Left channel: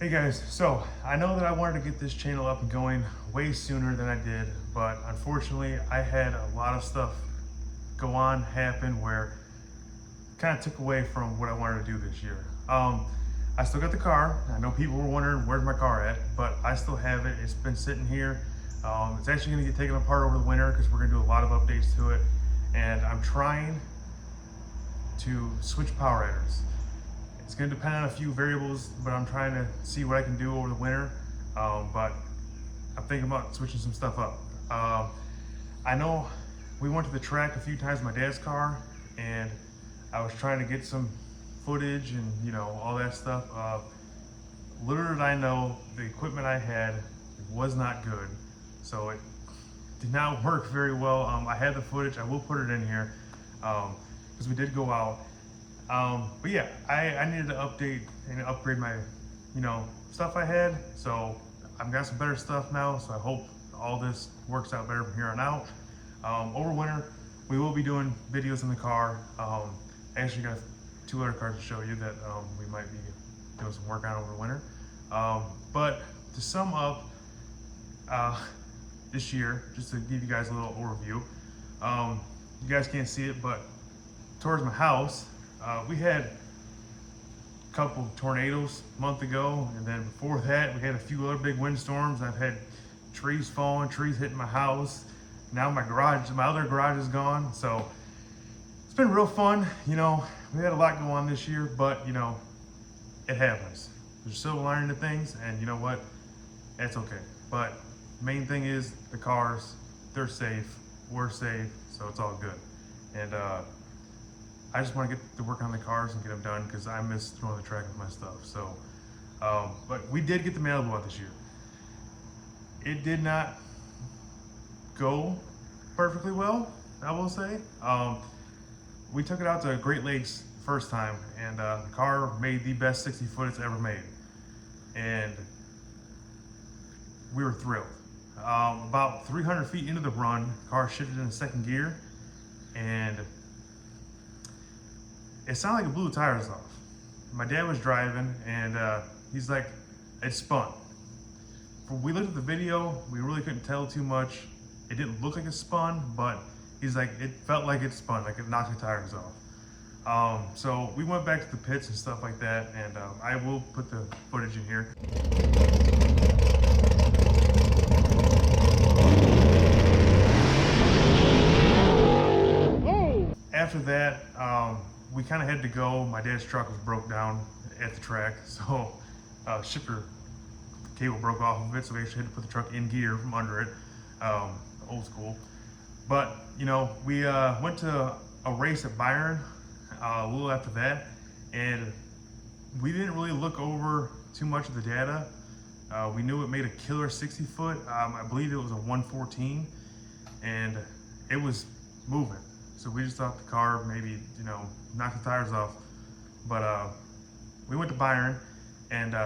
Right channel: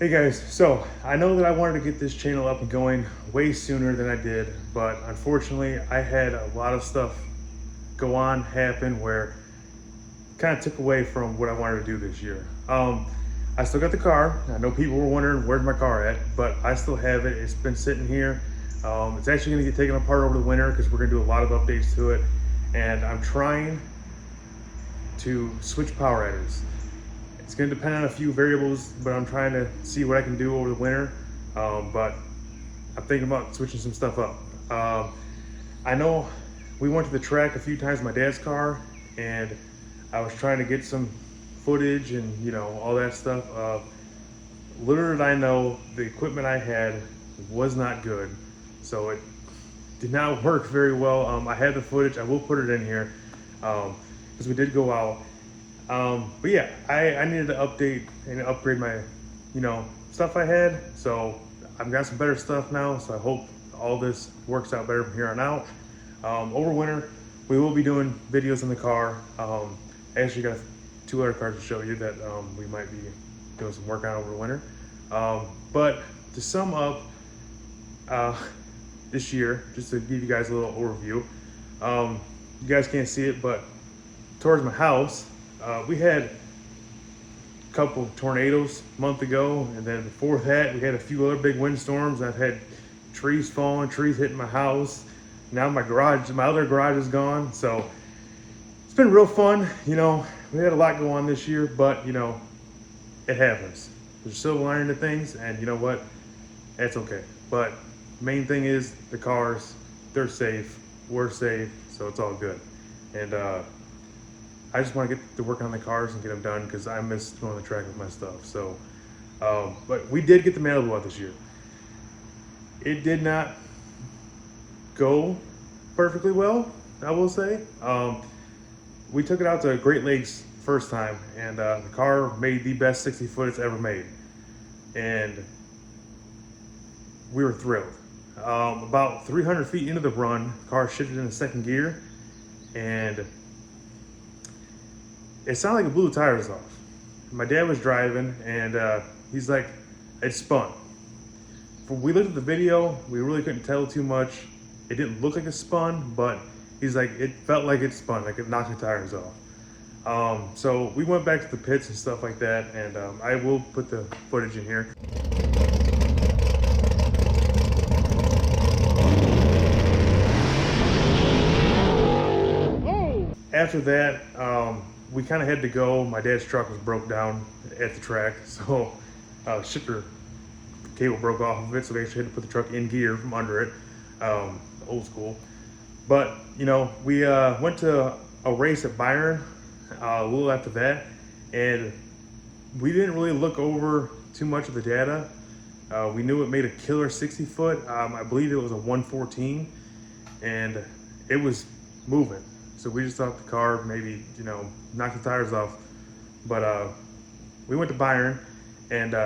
Hey guys, so I know that I wanted to get this channel up and going way sooner than I did, but unfortunately I had a lot of stuff happen where it kind of took away from what I wanted to do this year. I still got the car. I know people were wondering where's my car at, but I still have it. It's been sitting here. It's actually gonna get taken apart over the winter because we're gonna do a lot of updates to it. And I'm trying to switch power adders. It's going to depend on a few variables, but I'm trying to see what I can do over the winter. But I'm thinking about switching some stuff up. I know we went to the track a few times in my dad's car, and I was trying to get some footage and all that stuff. Little did I know the equipment I had was not good, so it did not work very well. I had the footage. I will put it in here because we did go out. But yeah, I needed to update and upgrade my, stuff I had. So I've got some better stuff now. So I hope all this works out better from here on out. Over winter, we will be doing videos in the car. I actually got two other cars to show you that we might be doing some work on over the winter. But to sum up this year, just to give you guys a little overview, you guys can't see it, but towards my house, we had a couple of tornadoes a month ago, and then before that we had a few other big windstorms. I've had trees falling, trees hitting my house. Now my other garage is gone. So it's been real fun. We had a lot go on this year, but it happens. There's a silver lining to things, and you know what? That's okay. But main thing is the cars, they're safe, we're safe, so it's all good. And I just want to get to work on the cars and get them done because I miss going on the track with my stuff. So, but we did get the Malibu out this year. It did not go perfectly well, I will say. We took it out to Great Lakes first time, and the car made the best 60 foot it's ever made. And we were thrilled. About 300 feet into the run, car shifted into second gear, and it sounded like it blew the tires off. My dad was driving, and he's like, it spun. When we looked at the video, we really couldn't tell too much. It didn't look like it spun, but he's like, it felt like it spun, like it knocked the tires off. So we went back to the pits and stuff like that, and I will put the footage in here. After that, we kind of had to go. My dad's truck was broke down at the track, so shifter cable broke off of it, so they actually had to put the truck in gear from under it, old school. But we went to a race at Byron a little after that, and we didn't really look over too much of the data. We knew it made a killer 60 foot. I believe it was a 114, and it was moving. So we just thought the car maybe, knocked the tires off. But we went to Byron, and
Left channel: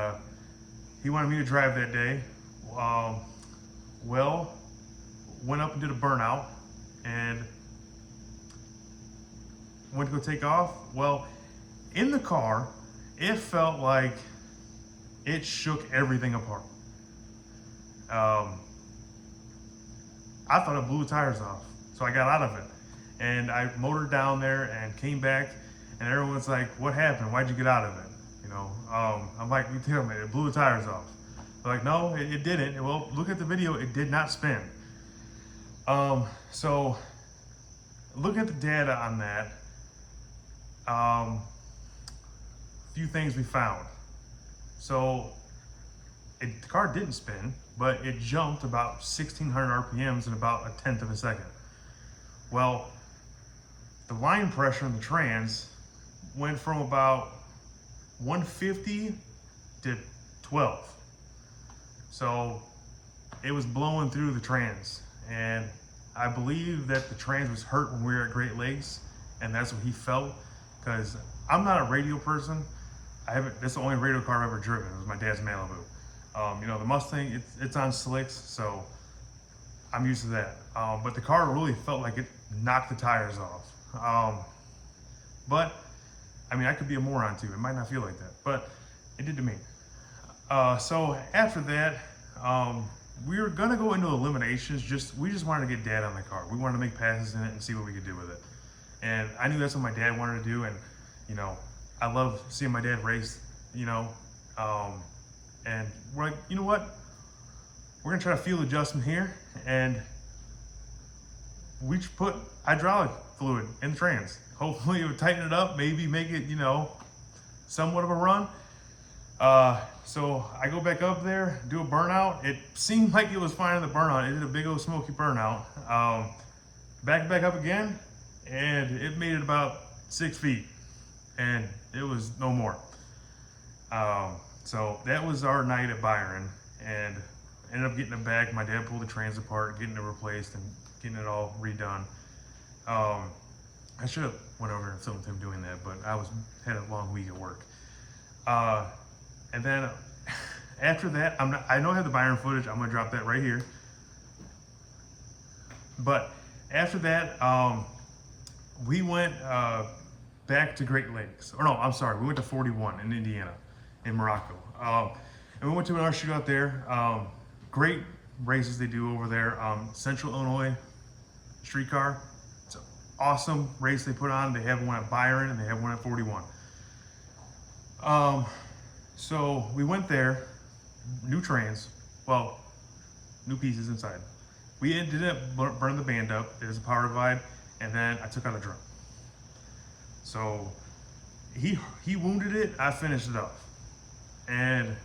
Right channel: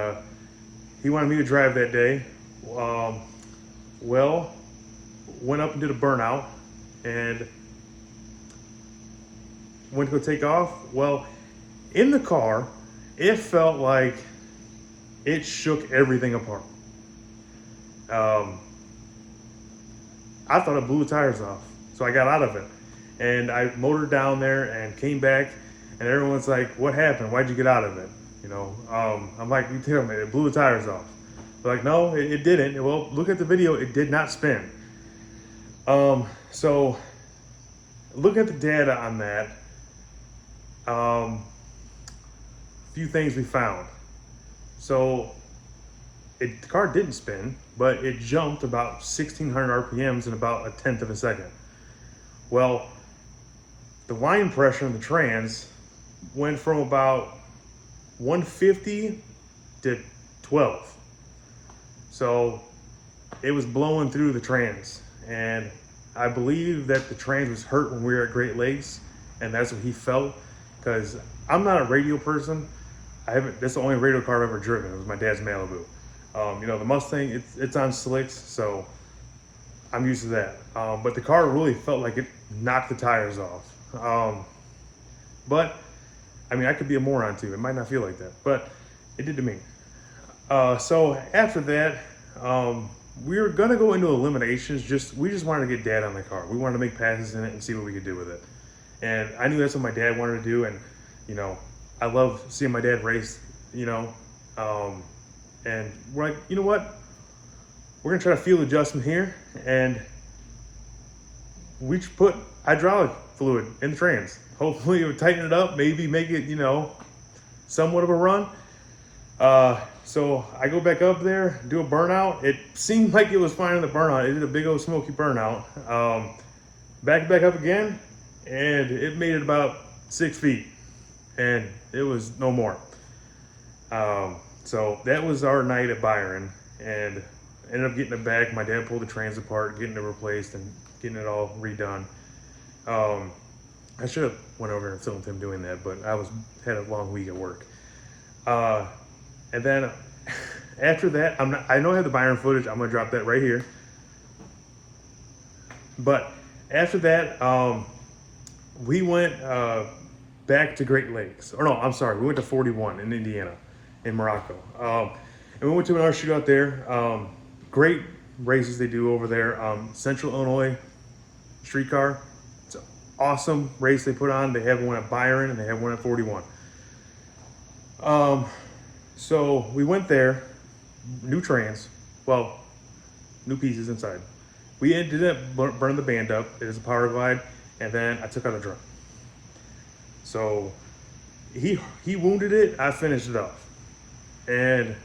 he wanted me to drive that day. Well, went up and did a burnout, and went to go take off. Well, in the car, it felt like it shook everything apart. I thought it blew the tires off, so I got out of it. And I motored down there and came back, and everyone's like, what happened? Why'd you get out of it? I'm like, you tell me, it blew the tires off. They're like, no, it didn't. Well, look at the video, it did not spin. So look at the data on that. A few things we found. So the car didn't spin, but it jumped about 1,600 RPMs in about 1/10 of a second. Well, the line pressure in the trans went from about 150 to 12. So it was blowing through the trans. And I believe that the trans was hurt when we were at Great Lakes, and that's what he felt. Because I'm not a radio person. That's the only radio car I've ever driven. It was my dad's Malibu. The Mustang, it's on slicks, so I'm used to that. But the car really felt like it knocked the tires off. But I mean, I could be a moron too. It might not feel like that, but it did to me. So after that, we were gonna go into eliminations. We just wanted to get Dad on the car. We wanted to make passes in it and see what we could do with it. And I knew that's what my dad wanted to do. And you know, I love seeing my dad race. You know, and we're like, you know what? We're gonna try to fuel adjustment here, and we just put hydraulic fluid in the trans. Hopefully, it would tighten it up. Maybe make it, you know, somewhat of a run. So I go back up there, do a burnout. It seemed like it was fine in the burnout. It did a big old smoky burnout. Back up again, and it made it about 6 feet, and it was no more. So that was our night at Byron, and ended up getting it back. My dad pulled the trans apart, getting it replaced, and getting it all redone. I should have went over and filmed him doing that, but had a long week at work. And then after that, I know I have the Byron footage. I'm gonna drop that right here. But after that, we went back to Great Lakes. Or no, I'm sorry, we went to 41 in Indiana, in Morocco. And we went to another shootout there. Great races they do over there. Central Illinois Streetcar. It's an awesome race they put on. They have one at Byron and they have one at 41. So we went there, new trans, well, new pieces inside. We didn't burn the band up. It is a power glide, and then I took out the drum. So he wounded it, I finished it off. And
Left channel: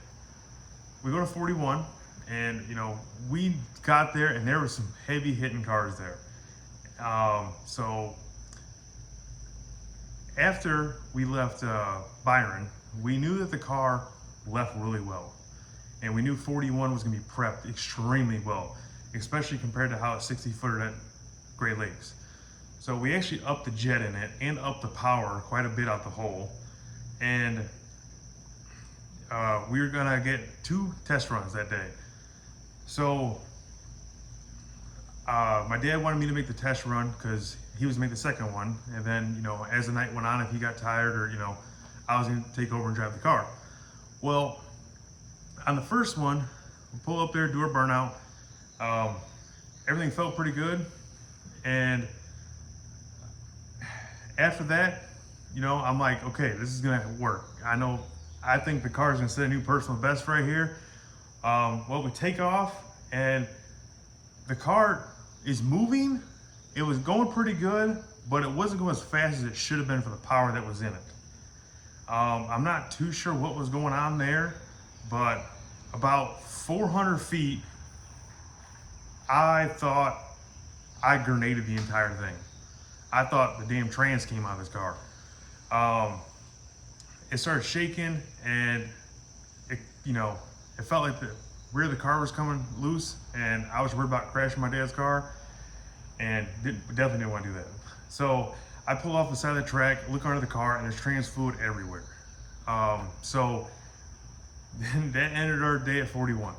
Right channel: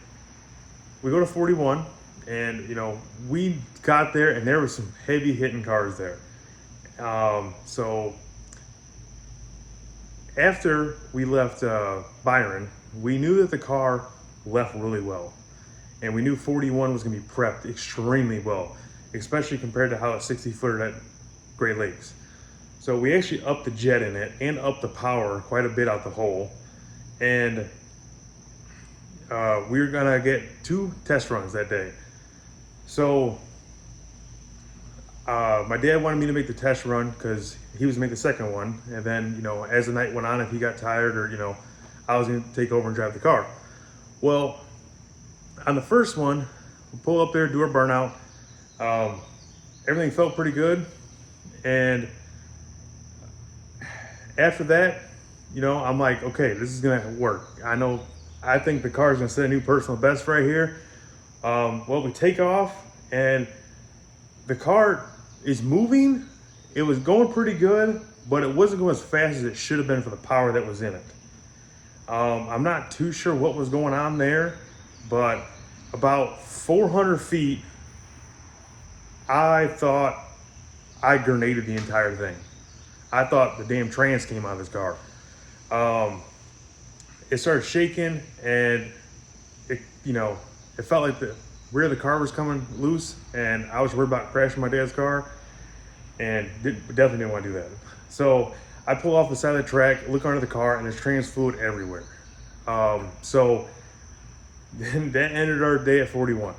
we go to 41, and you know, we got there and there were some heavy hitting cars there. So after we left Byron, we knew that the car left really well. And we knew 41 was gonna be prepped extremely well, especially compared to how a 60-footer at Great Lakes. So we actually upped the jet in it and upped the power quite a bit out the hole. And we were gonna get 2 test runs that day. So my dad wanted me to make the test run because he was gonna make the second one. And then, you know, as the night went on, if he got tired or, you know, I was gonna take over and drive the car. Well, on the first one, we pull up there, do our burnout. Everything felt pretty good. And after that, you know, I'm like, okay, this is gonna work. I think the car's gonna set a new personal best right here. Well, we take off and the car is moving. It was going pretty good, but it wasn't going as fast as it should have been for the power that was in it. I'm not too sure what was going on there, but about 400 feet, I thought I grenaded the entire thing. I thought the damn trans came out of this car. It started shaking, and it, you know, it felt like the rear of the car was coming loose, and I was worried about crashing my dad's car, and definitely didn't want to do that. So I pull off the side of the track, look under the car, and there's trans fluid everywhere. So then that ended our day at 41.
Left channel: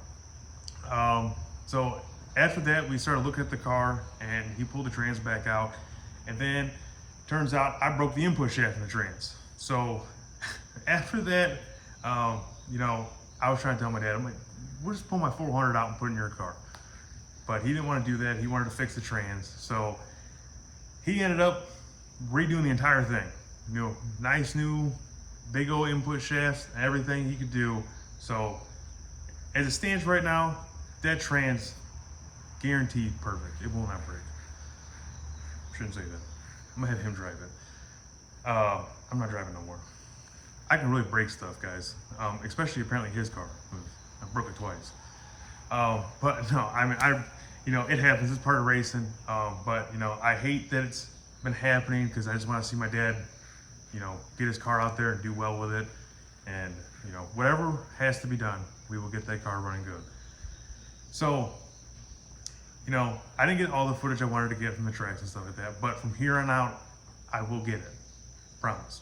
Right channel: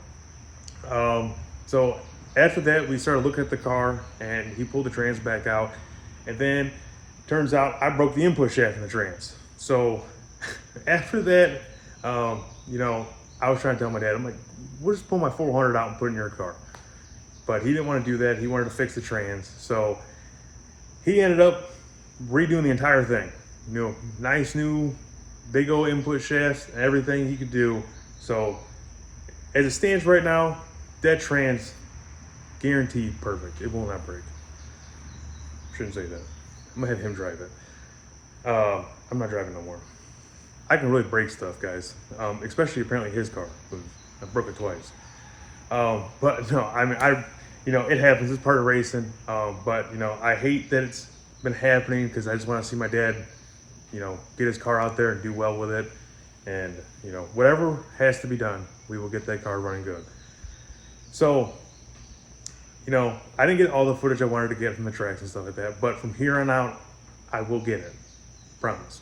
So after that, we started looking at the car, and he pulled the trans back out. And then turns out I broke the input shaft in the trans. So after that, you know, I was trying to tell my dad, I'm like, we'll just pull my 400 out and put it in your car. But he didn't want to do that. He wanted to fix the trans. So he ended up redoing the entire thing. You know, nice new big old input shafts and everything he could do. So as it stands right now, that trans guaranteed perfect. It will not break. Shouldn't say that. I'm gonna have him drive it. I'm not driving no more. I can really break stuff, guys. Especially apparently his car. I broke it twice. But no, I mean, you know, it happens. It's part of racing. But you know, I hate that it's been happening because I just want to see my dad, you know, get his car out there and do well with it. And you know, whatever has to be done, we will get that car running good. So, you know, I didn't get all the footage I wanted to get from the tracks and stuff like that, but from here on out, I will get it. Promise.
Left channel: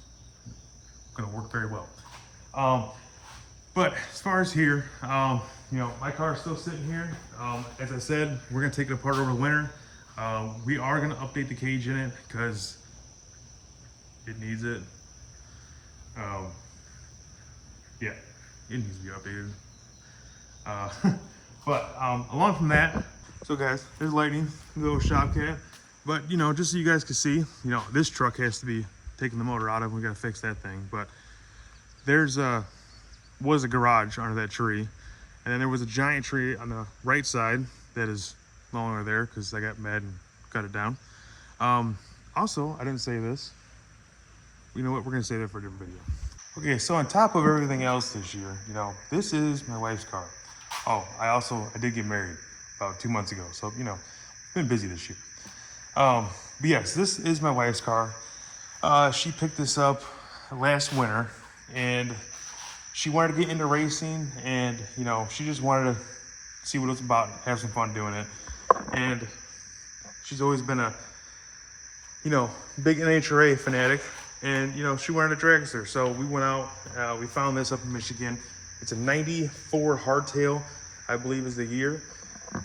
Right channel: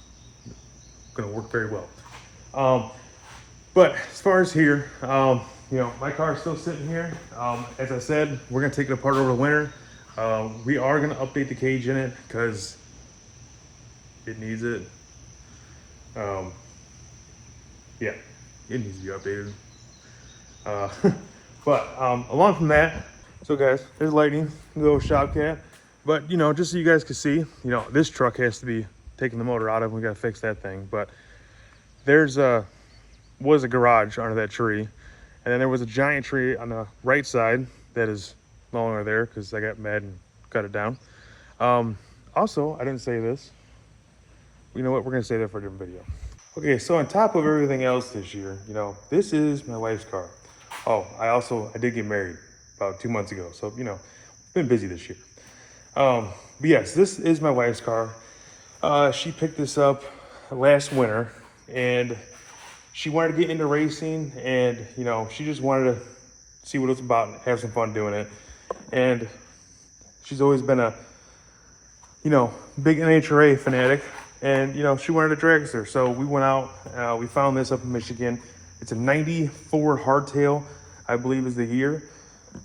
Gonna work very well. But as far as here, you know, my car is still sitting here. As I said, we're gonna take it apart over the winter. We are gonna update the cage in it because it needs it. Yeah, it needs to be updated. Uh, but along from that, so guys, there's Lightning, little shop cat. But you know, just so you guys can see, you know, this truck has to be taking the motor out of. We gotta fix that thing. But there's was a garage under that tree, and then there was a giant tree on the right side that is no longer there because I got mad and cut it down. Also, I didn't say this. You know what? We're gonna say that for a different video. Okay, so on top of everything else this year, you know, this is my wife's car. Oh, I did get married about 2 months ago, so you know, been busy this year. But yes, this is my wife's car. She picked this up last winter, and she wanted to get into racing, and you know, she just wanted to see what it's about, and have some fun doing it. And she's always been a, you know, big NHRA fanatic, and you know, she wanted a dragster. So we went out, we found this up in Michigan. It's a 94 hardtail, I believe is the year.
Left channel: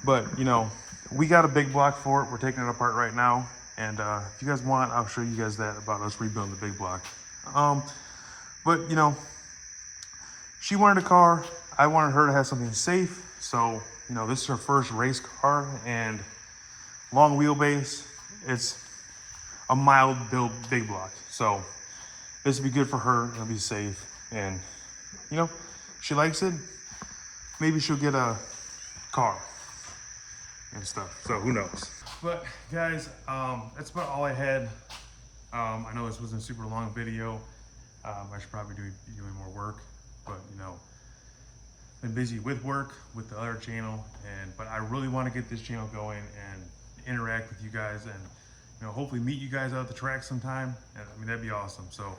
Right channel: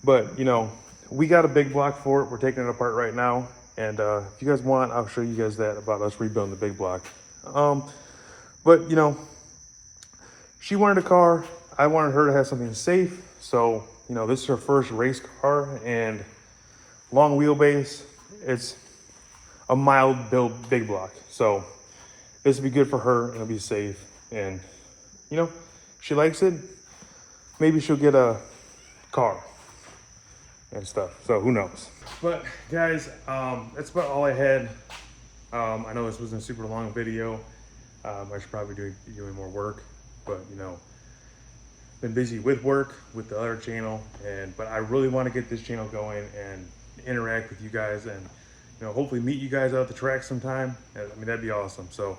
But you know, we got a big block for it. We're taking it apart right now. And if you guys want, I'll show you guys that about us rebuilding the big block. But you know, she wanted a car. I wanted her to have something safe. So, you know, this is her first race car and long wheelbase. It's a mild build big block. So this will be good for her and it'll be safe. And, you know, she likes it. Maybe she'll get a car and stuff. So who knows? But guys, that's about all I had. I know this wasn't a super long video. I should probably be doing more work, but you know, been busy with work, with the other channel, but I really want to get this channel going and interact with you guys, and you know, hopefully meet you guys out at the track sometime. I mean, that'd be awesome. So,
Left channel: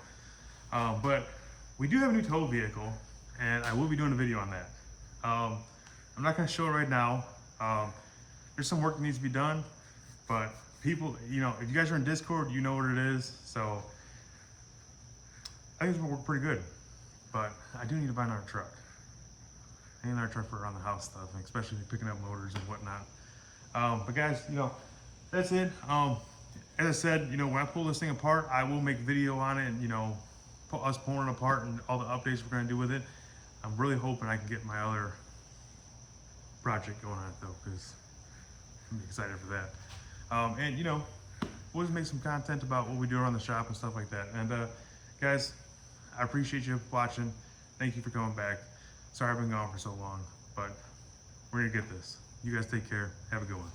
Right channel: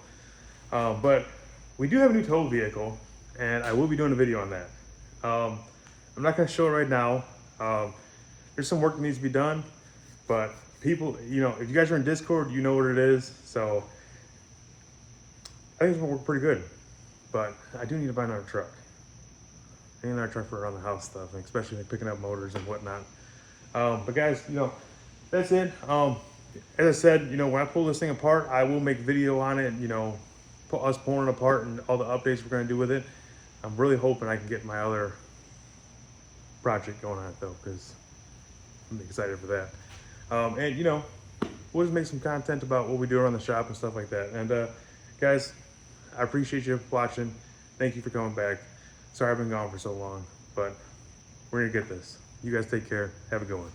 but we do have a new tow vehicle, and I will be doing a video on that. I'm not going to show it right now. There's some work that needs to be done, but people, you know, if you guys are in Discord, you know what it is. So I think it's gonna work pretty good, but I do need to buy another truck. I need another truck for around the house stuff, and especially like picking up motors and whatnot. But guys, you know, that's it. As I said, you know, when I pull this thing apart, I will make video on it, you know, us pulling it apart and all the updates we're gonna do with it. I'm really hoping I can get my other project going on it though, because I'm excited for that. And you know, we'll just make some content about what we do around the shop and stuff like that. And guys, I appreciate you watching. Thank you for coming back. Sorry I've been gone for so long, but we're gonna get this. You guys take care. Have a good one.